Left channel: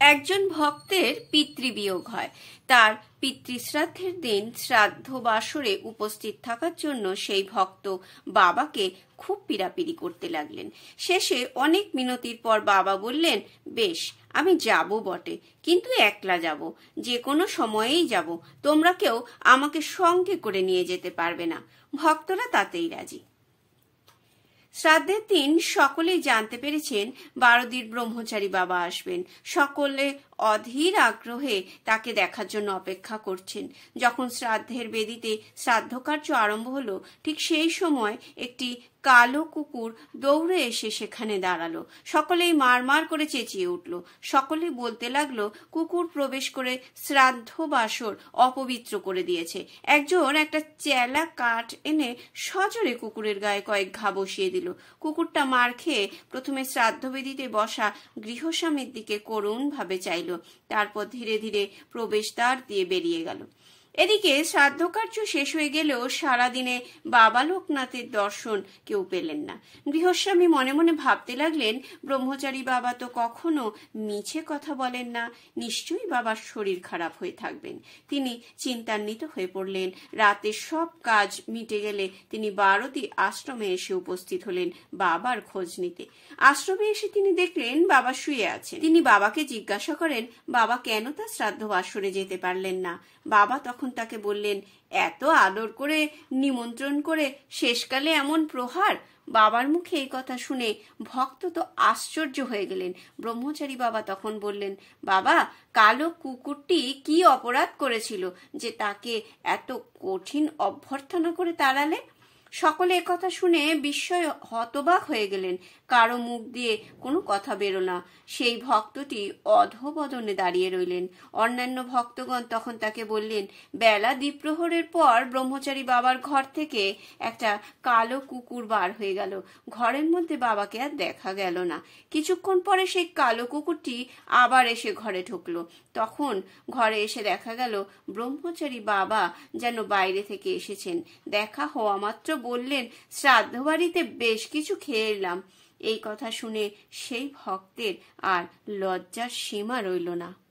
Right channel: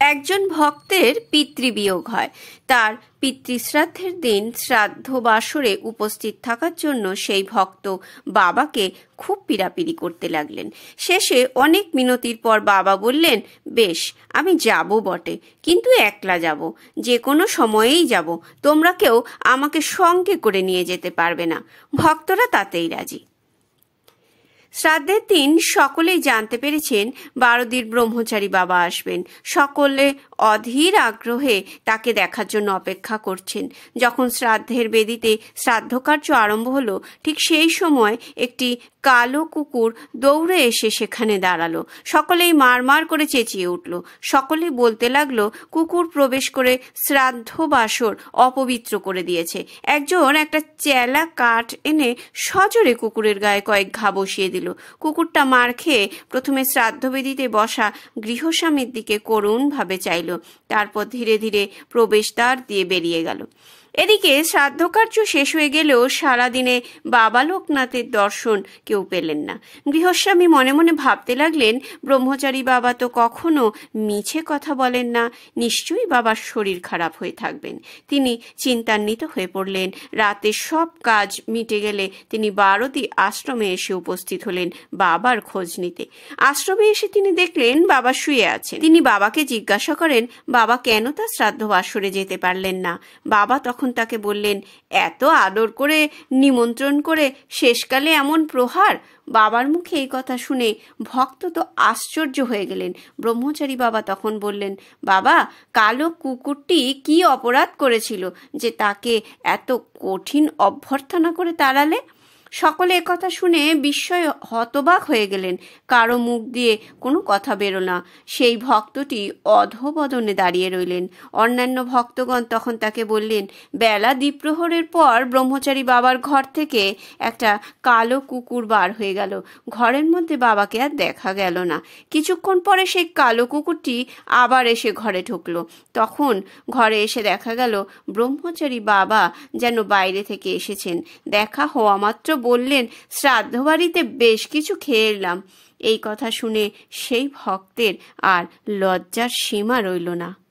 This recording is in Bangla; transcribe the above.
একজন ভক্তের পিতৃবিয়োগ হয়। তার পিতৃশ্রাদ্ধের দিন শ্রাদ্ধ বাসরে উপস্থিত থাকার জন্য সেই ভক্ত বাবাকে খুব পীড়াপিড়ি করতে লাগলেন। শেষে অনেক মিনতির পর বাবা বললেন, বেশ, আমি যাব বটে, কিন্তু একলা যাব, যে কোনো সময়েই যাব, তোমরা কেউ আমাকে সঙ্গে করে নিয়ে যেতে পারবে না। ভক্তরা তাতেই রাজি। শ্রাদ্ধের দিন সকলেই জানতে পেরেছেন বারোদির ব্রহ্মচারী বাবা আসবেন। সকলে অধীর আগ্রহে তাকে দেখার জন্য অপেক্ষা করছেন। যখন শ্রাদ্ধের বেদিতে শ্রাদ্ধকার্য আরম্ভ হলো, ঠিক সেই সময় একটি কালো কুকুর দৌড়ে এসে সেখানে দাঁড়ালো। সকলেই মারমার করে চেঁচিয়ে উঠল। সকলেই বলতে লাগলো, কুকুর প্রবেশ করে শ্রাদ্ধ বাসর অপবিত্র করে দিয়েছে। একজন একটা চেলা কাঠ এনে সজোরে কুকুরের গায়ে কয়েক ঘা বসিয়ে দিল। কুকুরটা মার খেয়ে প্রথমে শ্রাদ্ধবেদিতে বসা গৃহস্বামীর দিকে করুণভাবে চাইল, তারপর ধীরে ধীরে প্রবেশদ্বার দিয়ে বেরিয়ে গেল। এদিকে শ্রাদ্ধকার্য শেষ হয়ে গেলেও সারাদিনে বাবা লোকনাথের দর্শন কেউ পেলেন না। গৃহস্বামী মনে মনে ভাবতে লাগলেন, ব্রহ্মচারী বাবা তো কখনো মিছে কথা বলেন না, নিশ্চয়ই বাবার শরীর খারাপ হয়ে থাকবেন। তিনি চিন্তান্বিত হয়ে পড়লেন। রাতে সব কাজ মিটে গেলে তিনি বারোদি আশ্রমে এসে উপস্থিত হলেন বাবার খোঁজ নিতে। আশ্রমে এসে তিনি দেখলেন বাবা শুয়ে আছেন। তিনি বাবাকে জিজ্ঞাসা করেন, বাবা কেন তার শ্রাদ্ধ বাসরে যেতে পারলেন না? বাবা তখন তাকে বললেন, এত আদর করে নিমন্ত্রণ করে শেষকালে এমন প্রহার। বাবার মুখে এই কথা শুনে ভক্ত তো আশ্চর্য হয়ে গেলেন। ব্রহ্মচারী বাবা তখন বললেন, বাবা, কালো কুকুরটি কি অপরাধ করেছিল যে তাকে এত কঠিন অভ্যর্থনা করে তাড়ালে? সকলে একথা শুনে বিস্ময়ে হতবাক হয়ে গেলেন। কারো মুখ দিয়ে কোনো কথা বেরো না। সেই ভক্তটি অধোবদনে দাঁড়িয়ে রইলেন। অন্যান্য ভক্তগণ তখন তাকে বললেন, বেলা দ্বিপ্রহরের পর ব্রহ্মচারী বাবার ঘর থেকে একটা কালো কুকুর বার হয়ে গেল। ঘরের মধ্যে বাবাকে আর দেখা গেল না। কিছুক্ষণ পরে সেই কালো কুকুরটি আবার এসে ঘরে ঢুকলো। তখন ঘরে এসে দেখা গেল ব্রহ্মচারী বাবা যেন বাইরে থেকে এসেছেন। দেখা হওয়া মাত্র বললেন, শ্রাদ্ধ বাড়িতে বেশ কিছু খেয়ে এলাম। এই কথা শুনে সেই ভক্তের আর লজ্জার সীমা রইল না।